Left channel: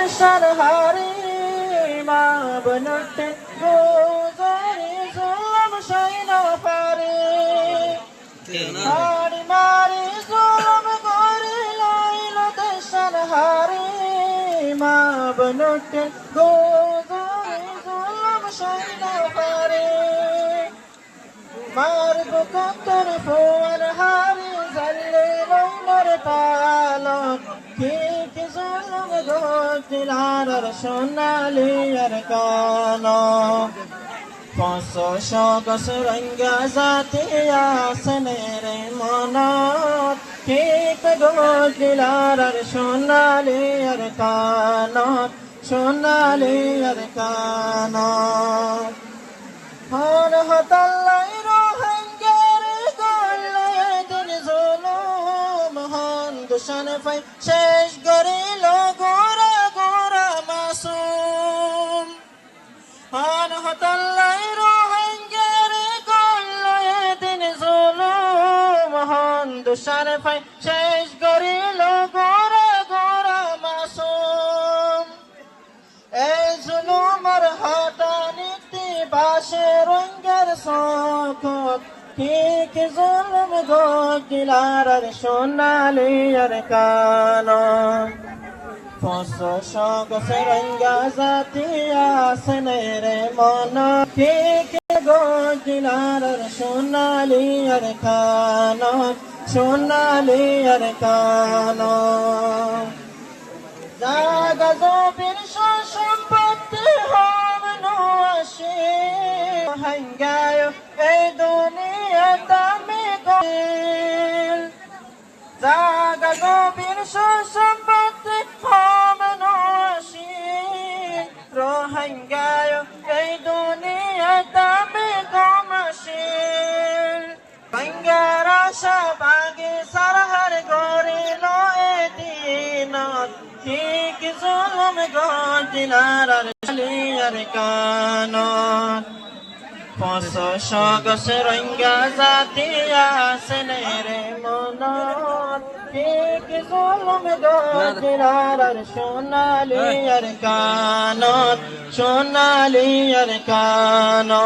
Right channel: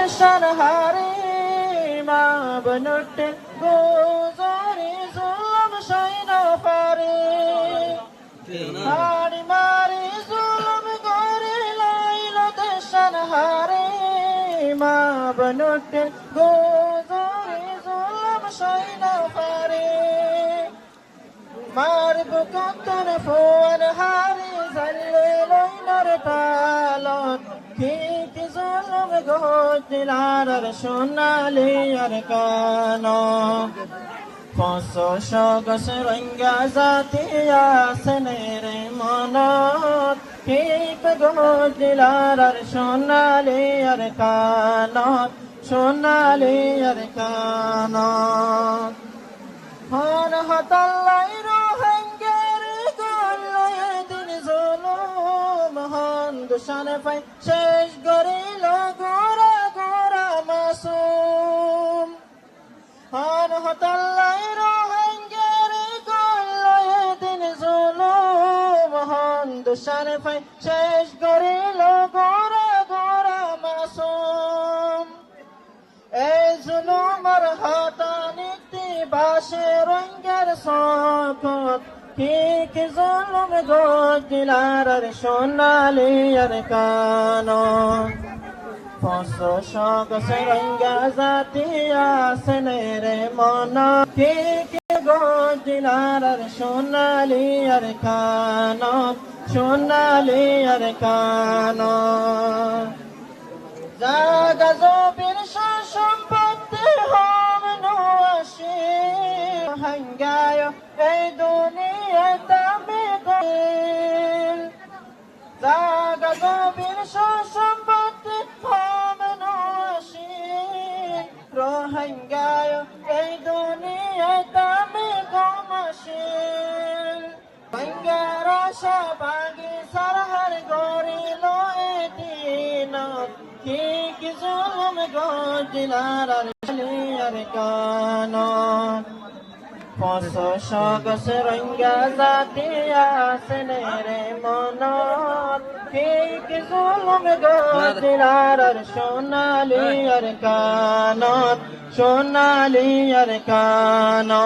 দেশার হারে মা বনটে গোজরি জুলম সাইন পারে হাড়ি মারি জুলম করে লাইল দেশার হারে মা বনটে গোজরি জুলম সাইন পারে মারব কতর ফোর হারি জাল্লে লইমর তালত ঠিক জুলম গদিলার সোনালি আর কানো পঁচশ গছ রঙ্গা জাতিয়া সেনের মনত ঠিক গদিলার সোনালি আর কানত সোনালি আর কানত হন হতাল্লাই রোহিঙ্গার গল্লায় দিন জুলুম হন দুশন ফাই শেষ গরিল গোরা গোরা মাসুম হন হতাল্লাই রোহিঙ্গার গল্লায় দিন জুলুম হন দুশন ফাই শেষ গরিল গোরা গোরা মাসুম এই জুলুমের হটানিতে বাসে রঙ্গের শখত ঠিক জুলুম গদিলার সোনালি আর কানন পঁচশ গছ রঙ্গা জাতিয়া সেনের মন ঠিক গদিলার সোনালি আর কানন সোনালি আর কানন জাগা জবির সম্পত্তি হম নশি হাঙ্গায় এই দুনিয়া দামি গিল জাগা জবির সম্পত্তি হম নশি রোহিঙ্গায় এই দুনিয়া দামি গমশিল বাঙ্গার আশা বাগে সারহার গরিল এদিনত ঠিক জুলুম গদিলার আর কানত পঁচশ গছ রঙ্গা জাতিয়া সেনের মনত ঠিক জুলুম গদিলার সোনালি আর কানত সোনালি আর কানত